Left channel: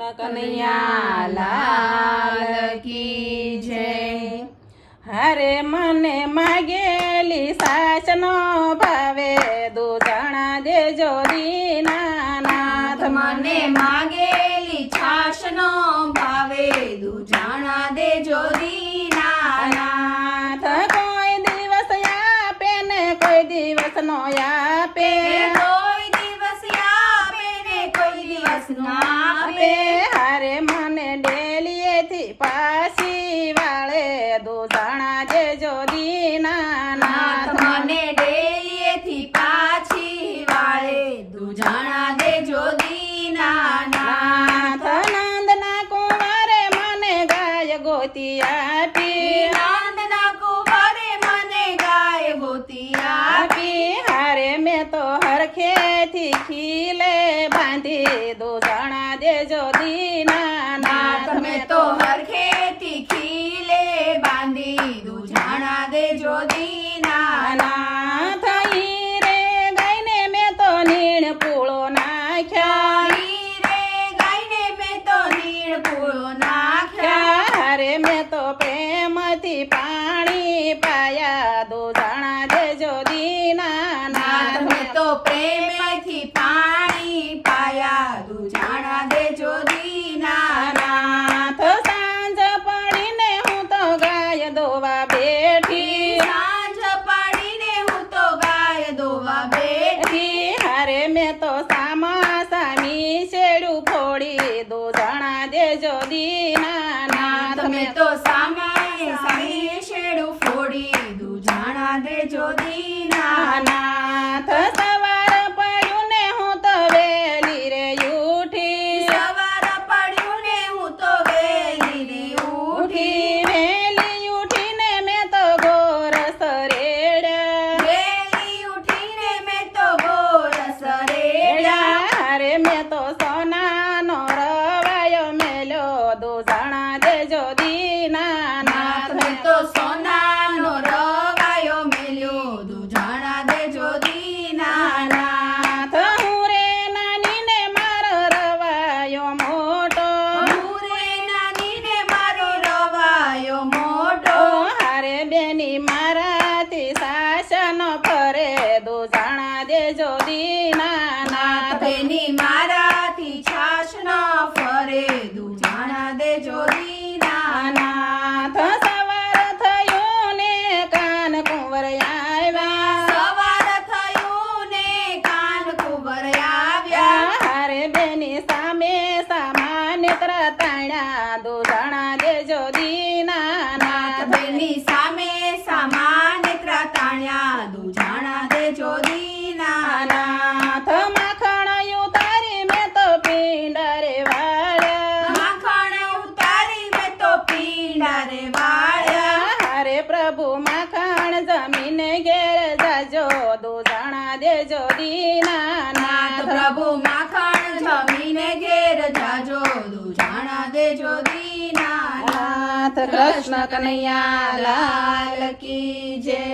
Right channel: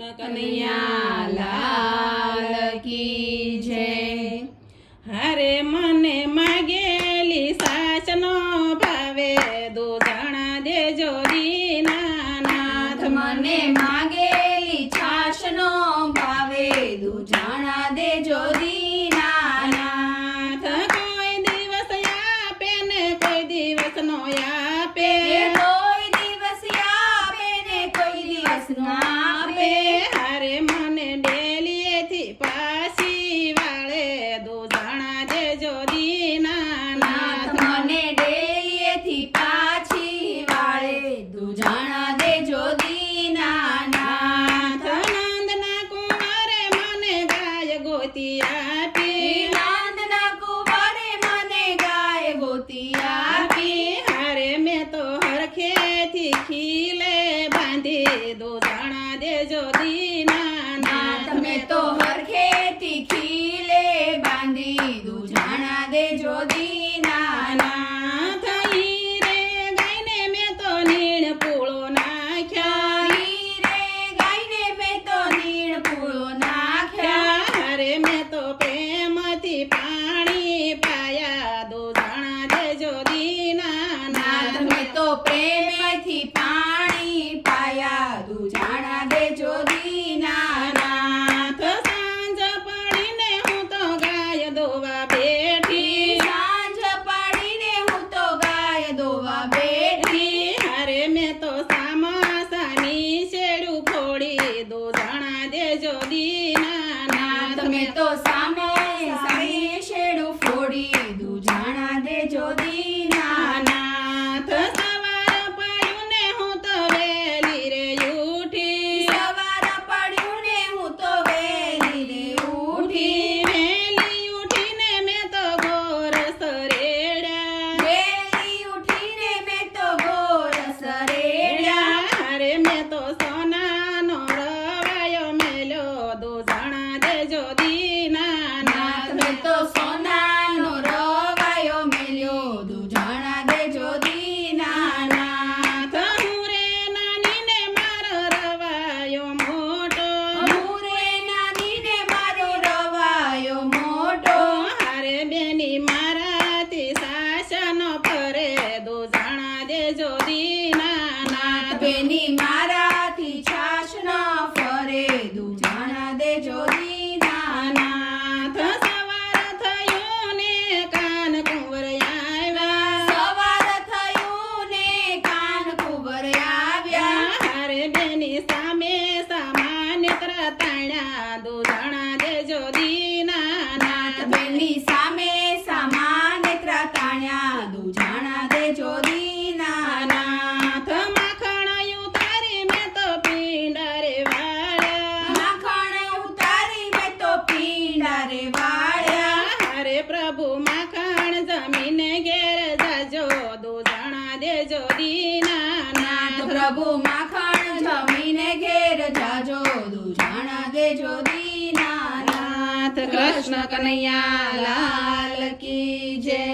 કનૈયા લાલ કી જય। હારે મને માગેલી સાસનો ભાવે દૂધણા દેજો દીનાનાથ। મને માગેલી છાશનો ભાવે દૂધણા દેજો દીનાનાથ। કોઈ દિવસ આપે ને કોઈ દિવસ નો આપે, કોઈ દિવસ આપે ને કોઈ દિવસ નો આપે। હારે મને ડેલીએથી પાછી વાળે દૂધણા દેજો દીનાનાથ। મને ડેલીએથી પાછી વાળે દૂધણા દેજો દીનાનાથ। નંદના કુંવરે મને ગાય ગોતી આપી, નંદના કુંવરે મને ગાય ગોતી આપી। હારે મેં તો હરખેથી ખીલે બાંધી દૂધણા દેજો દીનાનાથ। તમે તો હરખેથી ખીલે બાંધી દૂધણા દેજો દીનાનાથ। ઈ રે ગાયને મેં તો નીણ પૂળો નાખ્યા, ઈ રે ગાયને મેં તો નીણ પૂળો નાખ્યા। હારે મેં તો પ્રેમથી પાણી પાયા દૂધણા દેજો દીનાનાથ। મેં તો પ્રેમેથી પાણી પાયા દૂધણા દેજો દીનાનાથ। સાંજ પડીને હું તો ગાય દોવા બેઠી, સાંજ પાડીને હું તો ગાય દોવા બેઠી। હારે મેં તો સામા સામી શેડું ફોડી દૂધણા દેજો દીનાનાથ। તમે તો સામે સામે શેડું ફોડી દૂધણા દેજો દીનાનાથ। સવાર પડ્યું ને હું તો વેલી રે ઉઠી, સવાર પડ્યું ને હું તો વેલી રે ઉઠી। વેલી ઉઠીને મેં તો ગોરસ રેડ્યા, વેલી ઉઠીને મેં તો ગોરસ રેડ્યા। હારે મેં તો સોનાનો રવાયો મેલ્યો દૂધણા દેજો દીનાનાથ। મેં તો સોનાનો રવાયો મેલ્યો દૂધણા દેજો દીનાનાથ। હું રે નાની ને મારો રવાયો મોટો, હું રે નાની ને મારો રવાયો મોટો। હારે બેની મારાથી શાસન ફરે દૂધણા દેજો દીનાનાથ। બેની મારાથી છાશ ન ફરે દૂધણા દેજો દીનાનાથ। સવાર થયું ને કાન કુંવર આવ્યા, સવાર થયું ને કાન કુંવર આવ્યા। હારે બેની સામે સામાન્ય તાણ્યા દૂધણા દેજો દીનાનાથ। બેની સામે સામાન ત્રાતાણ્યા દૂધણા દેજો દીનાનાથ। માખણ ઉતારી મેં તો પીંડારે વાળ્યા, માખણ ઉતારી મેં તો પીંડારે વાળ્યા। હારે પ્રભુ માખણ જમીને ઘેર જાજો દૂધણા દેજો દીનાનાથ। પ્રભુ માખણ જમીને ઘેર જાજો દૂધણા દેજો દીનાનાથ। કૃષ્ણ કનૈયા લાલ કી જય।